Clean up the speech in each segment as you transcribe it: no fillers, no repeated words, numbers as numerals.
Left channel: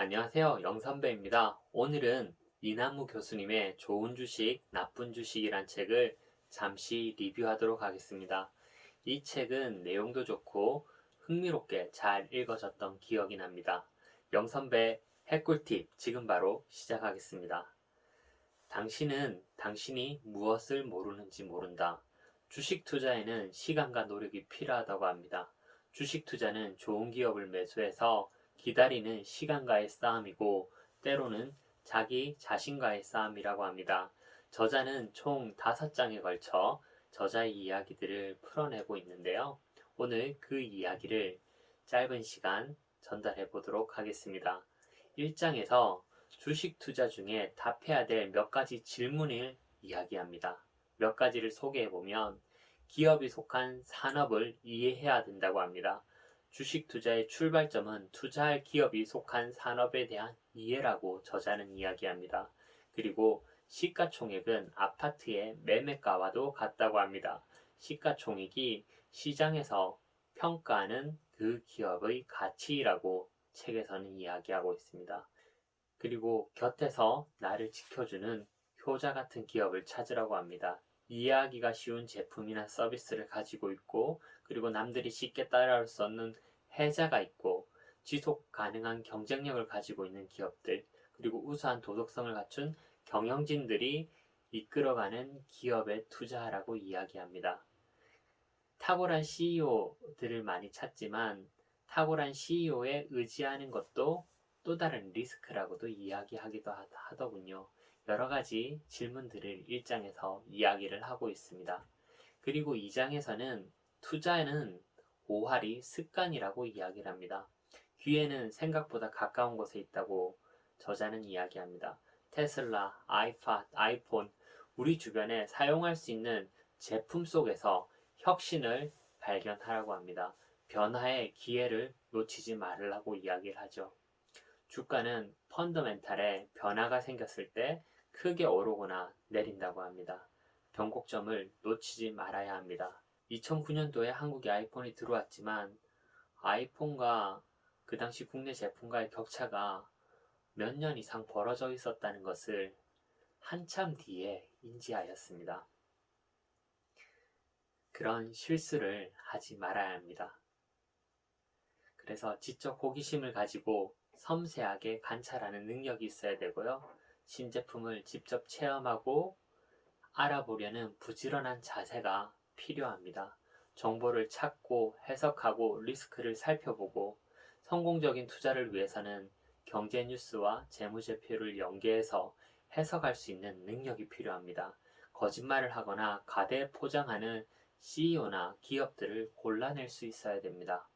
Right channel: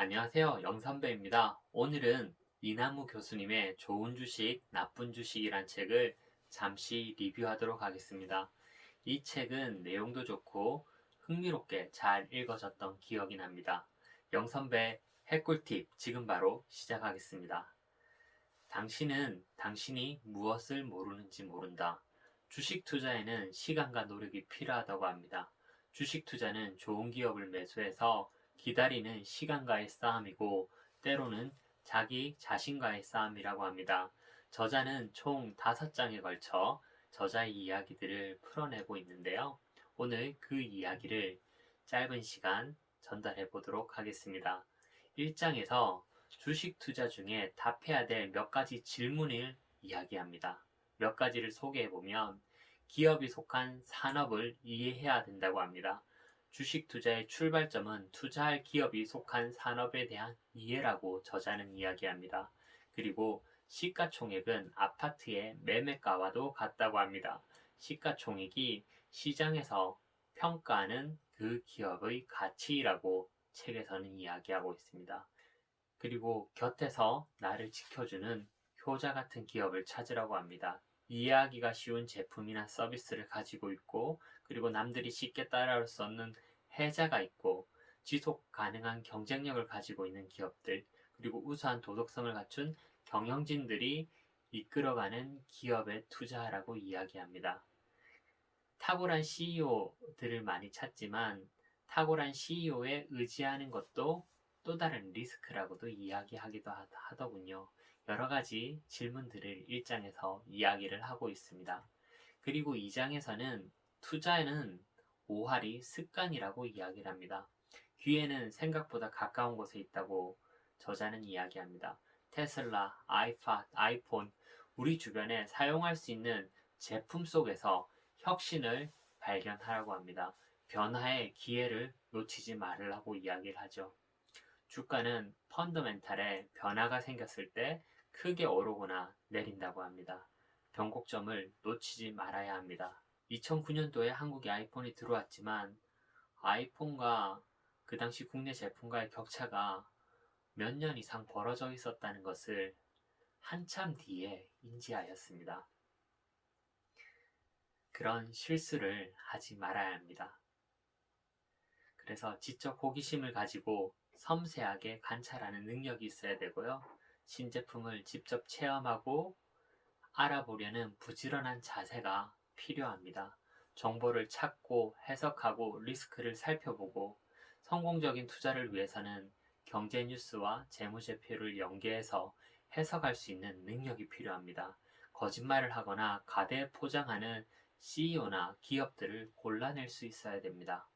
안녕하세요. 영선배입니다. 오늘은 이나무 교수님의 좋은 주식, 나쁜 주식이란 책을 잠시 리뷰하도록 하겠습니다. 이 책은 내용도 좋고 흥미롭게 잘 읽어졌던 기억이 납니다. 영선배 핵꿀팁 지금 바로 시작하겠습니다. 당신은 당신이 무엇을 모르는지 모른다. 주식 투자에는 시간과 노력이 필요하다고 합니다. 주식 투자는 좋은 기업을 매수해서 기다리는 시간과의 싸움이고 때로는 자기 자신과의 싸움이라고 합니다. 저자는 총 5장에 걸쳐 저자의 이야기들을 풀어내고 있는데요. 오늘 그 이야기를 짧은 시간 전달해 보도록 하겠습니다. 1장에서 주식 투자 중에 답해야 될 몇 가지 질문을 이야기합니다. 몇 가지를 소개해 보면 기업이 속한 산업을 이해해야 된다고 합니다. 주식 투자의 출발점은 투자할 기업이 속한 산업에 대한 이해라고 저자는 이야기합니다. 그리고 시가총액은 아파트의 매매가와도 같다고 합니다. 시가총액이 시장에서 평가하는 그 기업의 가치라고 책에서는 이야기하고 있습니다. 그리고 곁에서 나를 지켜주는 효자 같은 기업을 찾으라고 합니다. 이해하기가 쉬운 제품이나 서비스를 가지고 있고, 그리고 남들이 쉽게 따라올 수 없는 혜자가 있고, 지속 가능한 경쟁력을 가지고 있는 기업들, 그리고 우수한 도덕성을 갖춘 경영진들이 이끌어가는 기업에 투자하라고 이야기합니다. 탁월한 CEO들을 많이 찾지만 탁월한 CEO에 의지하는 것도 또 다른 리스크라고도 이야기하기도 하더군요. 여러 가지 질문들을 1장에서 이야기를 하고 있습니다. 그리고 2장에서는 투자에는 오할이 습관이라고 이야기를 합니다. 귀에는 생각보다 가까운 곳에 있다고 저자는 이야기합니다. 테슬라, 아이팟, 아이폰, 우리 주변에 사용할 수 있는 제품 속에서 혁신을 발견하라고 합니다. 변화의 기회를 놓치지 말으라고 이야기를 하죠. 주가는 펀더멘탈에 변화가 생겼을 때 크게 오르거나 내린다고 합니다. 변곡점을 놓치지 말아야 합니다. 2009년도에 한국에 아이폰이 들어왔지만 아이폰과 그 당시 국내 제품과의 격차가 몇 년 이상 벌어져 있었다는 것을 한참 뒤에 인지하였습니다. 그런 실수를 하지 말아야 합니다. 그래서 지적 호기심을 가지고 섬세하게 관찰하는 능력이 있어야 되고요. 신제품을 직접 체험하고 알아보려는 부지런한 자세가 필요합니다. 정보를 찾고 해석하고 리스크를 살펴보고 성공적인 투자를 위해서는 경제 뉴스와 재무제표를 연계해서 해석할 수 있는 능력이 필요합니다. 거짓말을 하거나 가대 포장하는 CEO나 기업들을 골라낼 수 있어야 됩니다.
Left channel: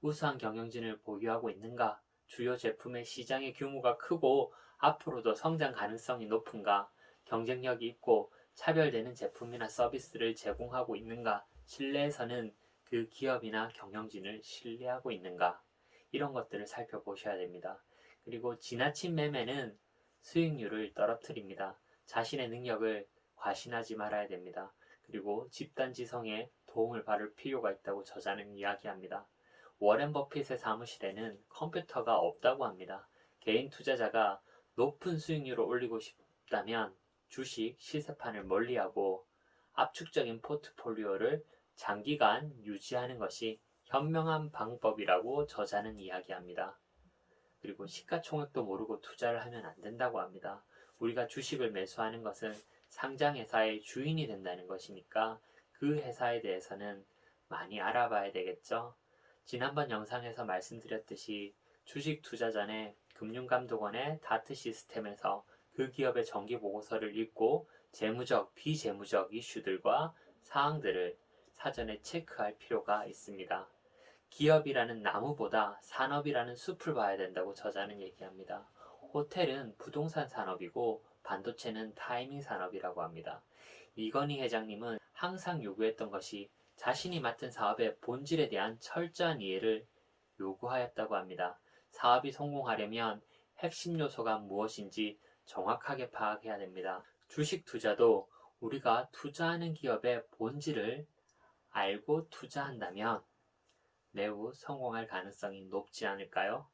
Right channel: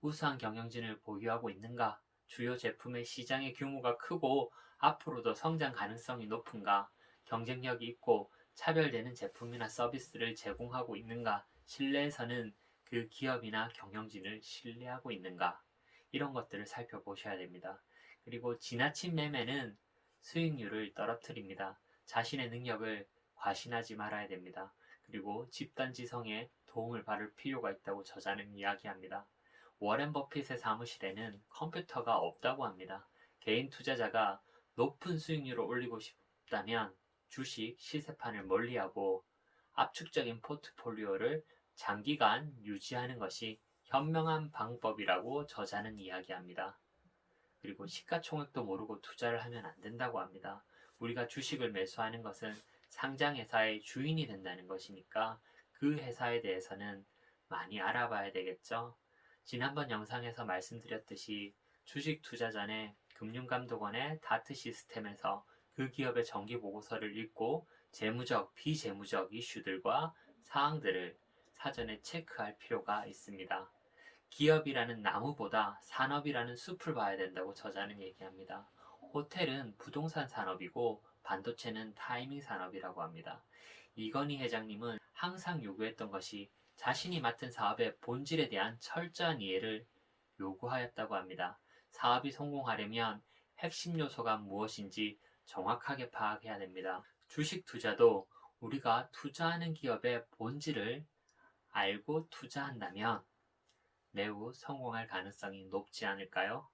우수한 경영진을 보유하고 있는가? 주요 제품의 시장의 규모가 크고 앞으로도 성장 가능성이 높은가? 경쟁력이 있고 차별되는 제품이나 서비스를 제공하고 있는가? 실내에서는 그 기업이나 경영진을 신뢰하고 있는가? 이런 것들을 살펴보셔야 됩니다. 그리고 지나친 매매는 수익률을 떨어뜨립니다. 자신의 능력을 과신하지 말아야 됩니다. 그리고 집단지성에 도움을 받을 필요가 있다고 저자는 이야기합니다. 워렌 버핏의 사무실에는 컴퓨터가 없다고 합니다. 개인 투자자가 높은 수익률을 올리고 싶다면 주식 시세판을 멀리하고 압축적인 포트폴리오를 장기간 유지하는 것이 현명한 방법이라고 저자는 이야기합니다. 그리고 시가총액도 모르고 투자를 하면 안 된다고 합니다. 우리가 주식을 매수하는 것은 상장회사의 주인이 된다는 것이니까 그 회사에 대해서는 많이 알아봐야 되겠죠. 지난번 영상에서 말씀드렸듯이 주식 투자 전에 금융감독원의 다트 시스템에서 그 기업의 정기보고서를 읽고 재무적, 비재무적 이슈들과 사항들을 사전에 체크할 필요가 있습니다. 기업이라는 나무보다 산업이라는 숲을 봐야 된다고 저자는 얘기합니다. 호텔은 부동산 산업이고 반도체는 타이밍 산업이라고 합니다. 이건희 회장님은 항상 요구했던 것이 자신이 맡은 사업의 본질에 대한 철저한 이해를 요구하였다고 합니다. 사업이 성공하려면 핵심 요소가 무엇인지 정확하게 파악해야 됩니다. 주식 투자도 우리가 투자하는 기업의 본질을 알고 투자한다면 매우 성공할 가능성이 높지 않을까요?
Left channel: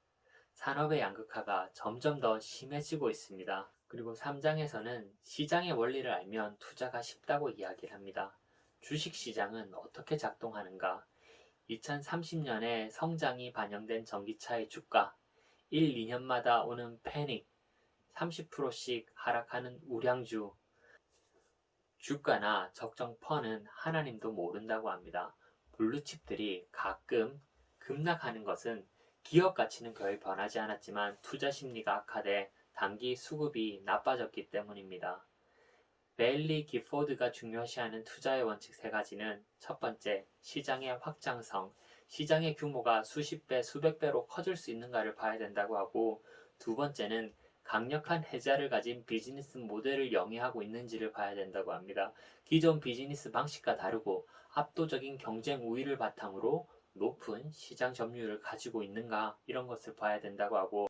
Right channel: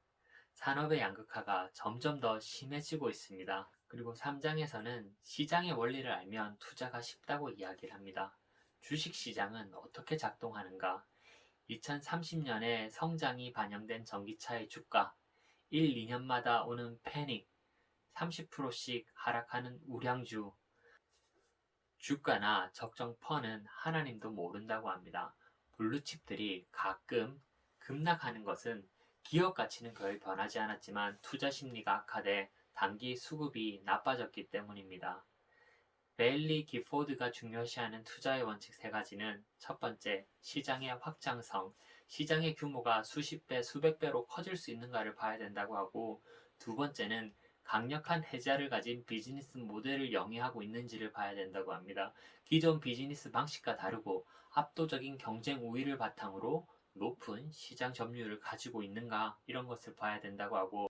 산업의 양극화가 점점 더 심해지고 있습니다. 그리고 3장에서는 시장의 원리를 알면 투자가 쉽다고 이야기를 합니다. 주식시장은 어떻게 작동하는가? 2030년에 성장이 반영된 전기차의 주가, 1, 2년마다 오는 패닉, 30%씩 하락하는 우량주, 주가나 적정 펀은 하나님도 모른다고 합니다. 블루칩들이 가끔 급락하는 것은 기업 가치는 거의 변하지 않았지만 투자 심리가 악화돼 단기 수급이 나빠졌기 때문입니다. 베일리 기포드가 중요시하는 투자의 원칙 세 가지는 첫 번째, 시장의 확장성, 시장의 규모가 수십 배, 수백 배로 커질 수 있는가를 봐야 된다고 하고, 두 번째는 강력한 해자를 가진 비즈니스 모델을 영위하고 있는지를 봐야 된다고 합니다. 기존 비즈니스 방식과 다르고 압도적인 경쟁 우위를 바탕으로 높은 시장 점유율을 가지고 있는가 이런 것을 봐야 된다고 하고,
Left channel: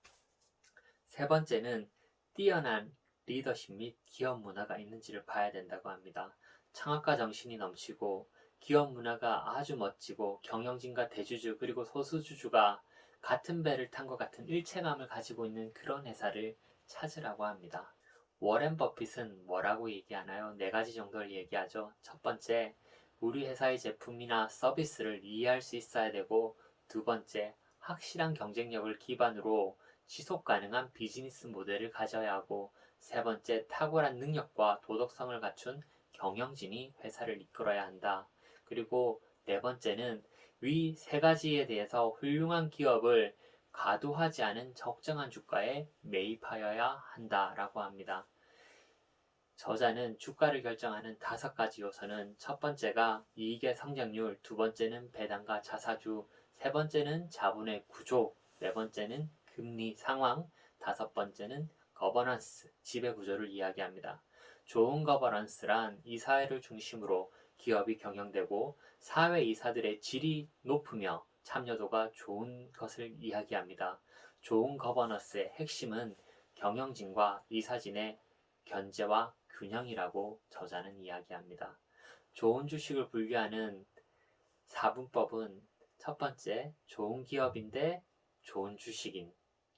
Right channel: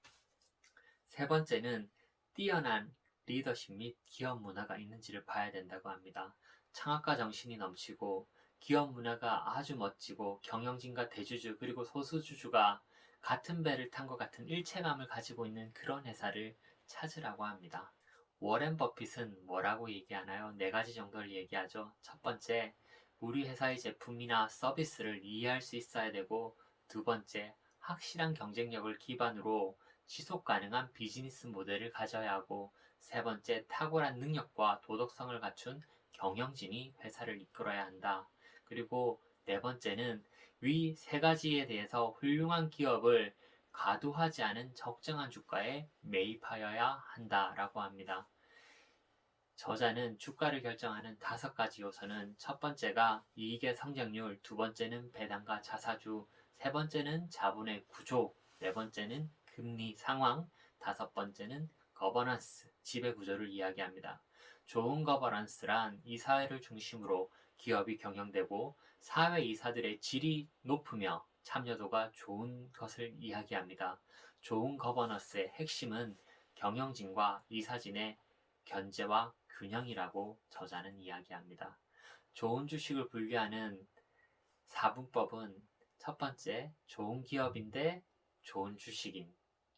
세 번째는 뛰어난 리더십 및 기업 문화가 있는지를 봐야 된다고 합니다. 창업가 정신이 넘치고 기업 문화가 아주 멋지고 경영진과 대주주 그리고 소수주주가 같은 배를 탄 것 같은 일체감을 가지고 있는 그런 회사를 찾으라고 합니다. 워렌 버핏은 뭐라고 얘기하나요? 네 가지 정도를 얘기하죠. 첫 번째, 우리 회사의 제품이나 서비스를 이해할 수 있어야 되고, 두 번째, 확실한 경쟁력을 기반으로 지속 가능한 비즈니스 모델을 가져야 하고, 세 번째, 탁월한 능력과 도덕성을 갖춘 경영진이 회사를 이끌어야 한다. 그리고 네 번째는 위 세 가지에 대해서 훌륭한 기업을 과도하지 않은 적정한 주가에 매입하여야 한다라고 합니다. 저자는 주가를 결정하는 5가지 요소는 첫 번째가 이익의 성장률, 두 번째는 배당과 자사주, 세 번째는 자본의 구조, 네 번째는 금리 상황, 다섯 번째는 거버넌스, 지배 구조를 이야기합니다. 좋은 거버넌스란 이 사회를 중심으로 기업이 경영되고 사회 이사들의 질이 높으며 참여도가 좋은 것을 이야기합니다. 좋은 거버넌스의 핵심은 경영진과 이사진의 견제와 균형이라고 저자는 이야기합니다. 좋은 주식을 분류하는 4분법은 첫 번째, 좋은 기업인데 좋은 주식인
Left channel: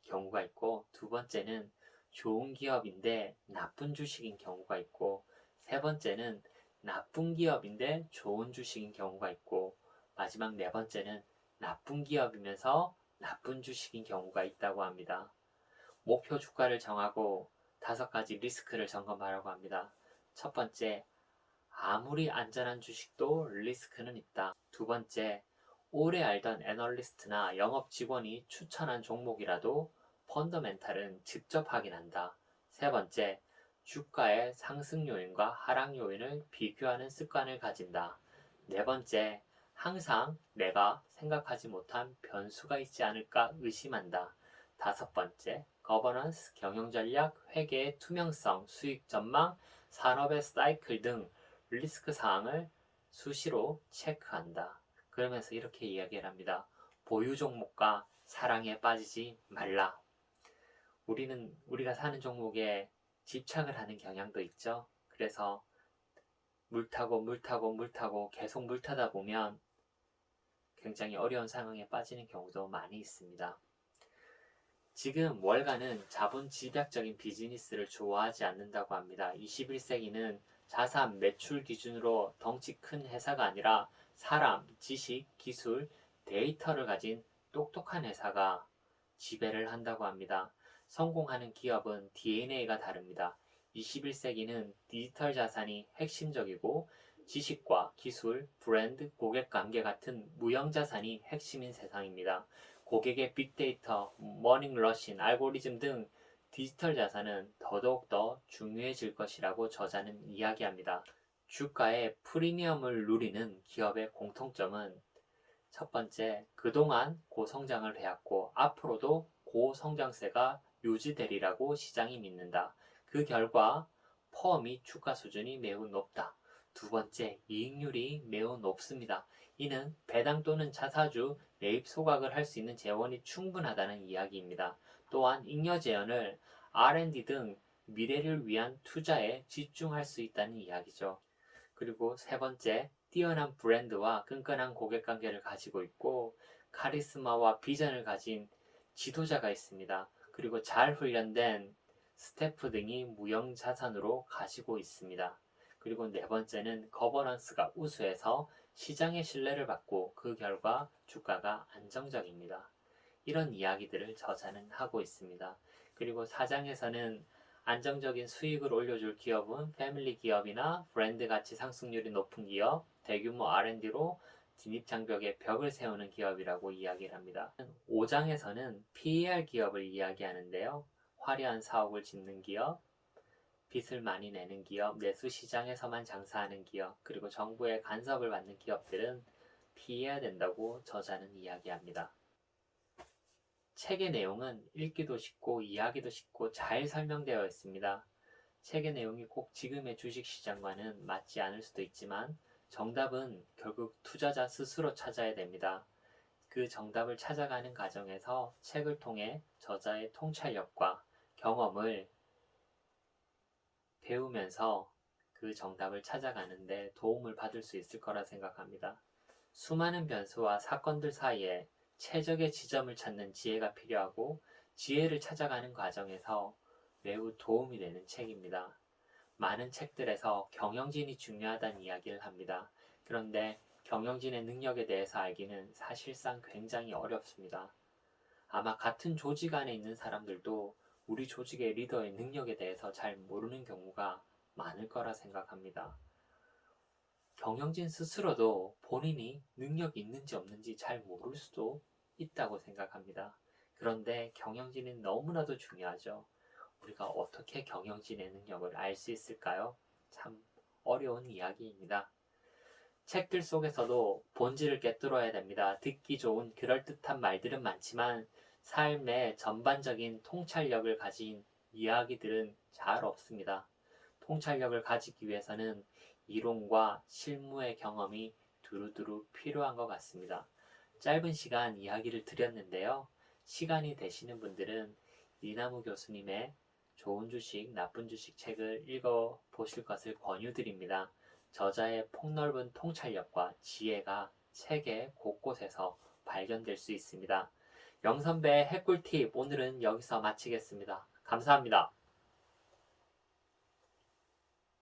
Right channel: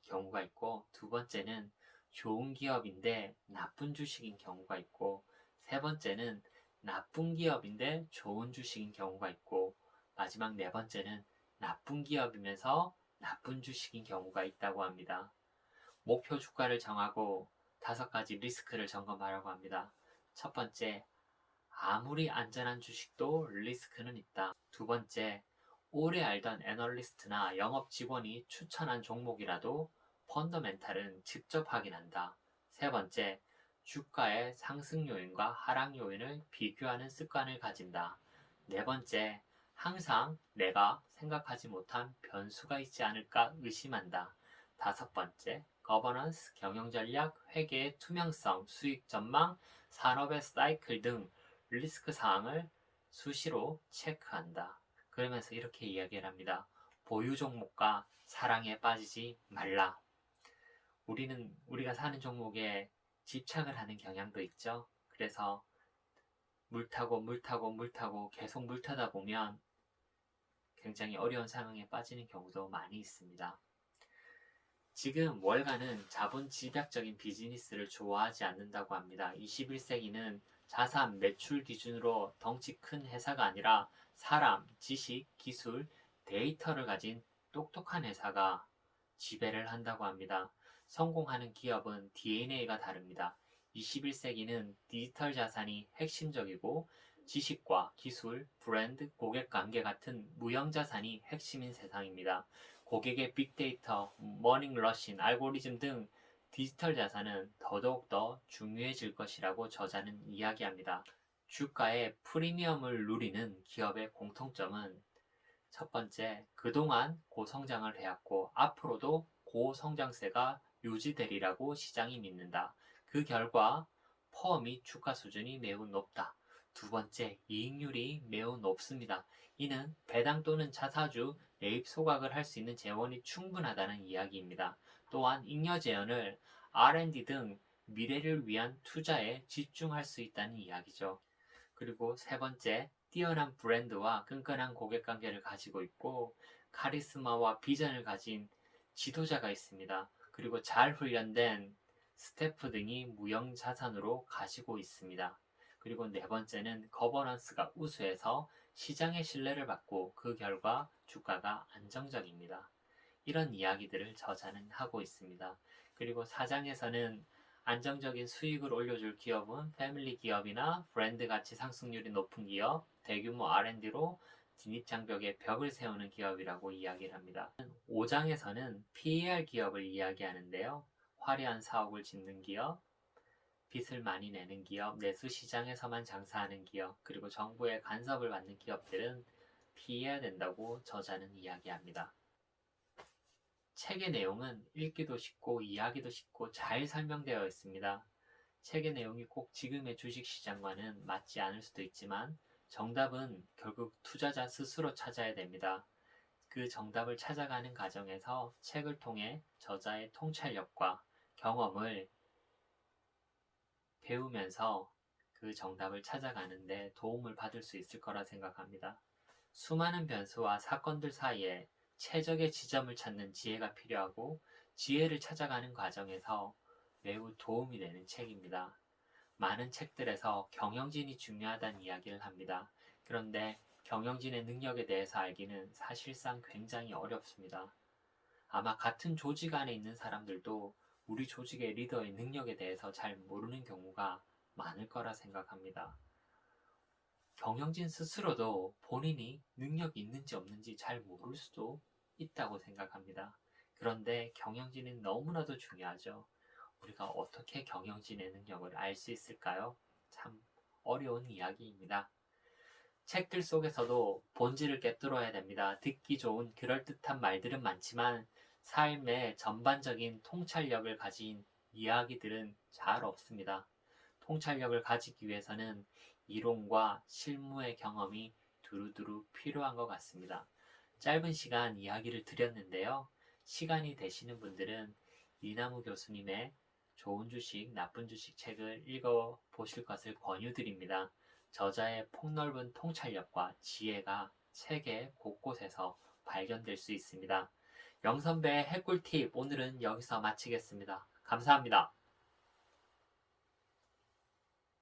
경우가 있고, 두 번째는 좋은 기업인데 나쁜 주식인 경우가 있고, 세 번째는 나쁜 기업인데 좋은 주식인 경우가 있고, 마지막 네 번째는 나쁜 기업이면서 나쁜 주식인 경우가 있다고 합니다. 목표 주가를 정하고 5가지 리스크를 점검하라고 합니다. 첫 번째, 아무리 안전한 주식도 리스크는 있다. 두 번째, 오래 알던 애널리스트나 영업 직원이 추천한 종목이라도 펀더멘탈은 직접 확인한다. 세 번째, 주가의 상승 요인과 하락 요인을 비교하는 습관을 가진다. 네 번째, 항상 내가 생각하지 못한 변수가 있지 않을까 의심한다. 다섯 번째, 거버넌스, 경영 전략, 회계의 투명성, 수익 전망, 산업의 사이클 등 리스크 사항을 수시로 체크한다. 그러면서 이렇게 이야기를 합니다. 보유 종목과 사랑에 빠지지 말라. 우리가 사는 종목에 집착을 하는 경향도 있죠. 그래서 물 타고 계속 물 타다 보면 굉장히 어려운 상황에 빠지는 경우도 많이 있습니다. 지금 월가는 자본 집약적인 비즈니스를 좋아하지 않는다고 합니다. 21세기는 자산, 매출 기준으로 덩치 큰 회사가 아니라 사람, 지식, 기술, 데이터를 가진 똑똑한 회사가 지배를 한다고 합니다. 성공하는 기업은 DNA가 다릅니다. 21세기는 디지털 자산이 핵심적이고 지식과 기술, 브랜드, 고객 관계 같은 무형 자산이 핵심인 세상입니다. 고객의 빅데이터, 머닝러신, 알고리즘 등 디지털 자산은 더더욱 중요해질 것이라고 저자는 이야기합니다. 주가의 프리미엄을 누리는 기업의 공통점은 첫 번째, 그동안 고성장을 해왔고 앞으로도 고성장세가 유지되리라고 시장이 믿는다. 그 결과 퍼 및 주가 수준이 매우 높다. 두 번째, 이익률이 매우 높습니다. 이는 배당 또는 자사주 매입 소각을 할 수 있는 재원이 충분하다는 이야기입니다. 또한 잉여 재원을 R&D 등 미래를 위한 투자에 집중할 수 있다는 이야기죠. 그리고 세 번째, 뛰어난 브랜드와 끈끈한 고객 관계를 가지고 있고 카리스마와 비전을 가진 지도자가 있습니다. 그리고 잘 훈련된 스태프 등이 무형자산으로 가지고 있습니다. 그리고 네 번째는 거버넌스가 우수해서 시장의 신뢰를 받고 그 결과 주가가 안정적입니다. 이런 이야기들을 저자는 하고 있습니다. 그리고 4장에서는 안정적인 수익을 올려줄 기업은 패밀리 기업이나 브랜드 가치 상승률이 높은 기업, 대규모 R&D로 진입장벽에 벽을 세우는 기업이라고 이야기를 합니다. 5장에서는 PER 기업을 이야기하는데요. 화려한 사옥을 짓는 기업, 빚을 많이 내는 기업, 내수 시장에서만 장사하는 기업, 그리고 정부의 간섭을 받는 기업들은 피해야 된다고 저자는 이야기합니다. 책의 내용은 읽기도 쉽고 이해하기도 쉽고 잘 설명되어 있습니다. 책의 내용이 꼭 지금의 주식시장과는 맞지 않을 수도 있지만 정답은 결국 투자자 스스로 찾아야 됩니다. 그 정답을 찾아가는 과정에서 책을 통해 저자의 통찰력과 경험을 배우면서 그 정답을 찾아가는데 도움을 받을 수 있을 거라 생각합니다. 수많은 변수와 사건들 사이에 최적의 지점을 찾는 지혜가 필요하고 지혜를 찾아가는 과정에서 매우 도움이 되는 책입니다. 많은 책들에서 경영진이 중요하다는 이야기를 합니다. 그런데 경영진의 능력에 대해서 알기는 사실상 굉장히 어렵습니다. 아마 같은 조직 안에 있는 사람들도 우리 조직의 리더의 능력에 대해서 잘 모르는 경우가 많을 거라 생각합니다. 경영진 스스로도 본인이 능력이 있는지 없는지 잘 모를 수도 있다고 생각합니다. 그런데 경영진은 너무나도 중요하죠. 우리가 어떻게 경영진의 능력을 알 수 있을까요? 참 어려운 이야기입니다. 책들 속에서도 본질을 꿰뚫어야 됩니다. 듣기 좋은 그럴듯한 말들은 많지만 삶의 전반적인 통찰력을 가진 이야기들은 잘 없습니다. 통찰력을 가지기 위해서는 이론과 실무의 경험이 두루두루 필요한 것 같습니다. 짧은 시간 이야기를 드렸는데요. 시간이 되시는 분들은 이나무 교수님의 좋은 주식, 나쁜 주식 책을 읽어보실 것을 권유드립니다. 저자의 폭넓은 통찰력과 지혜가 책의 곳곳에서 발견될 수 있습니다. 영선배의 핵꿀팁 오늘은 여기서 마치겠습니다. 감사합니다.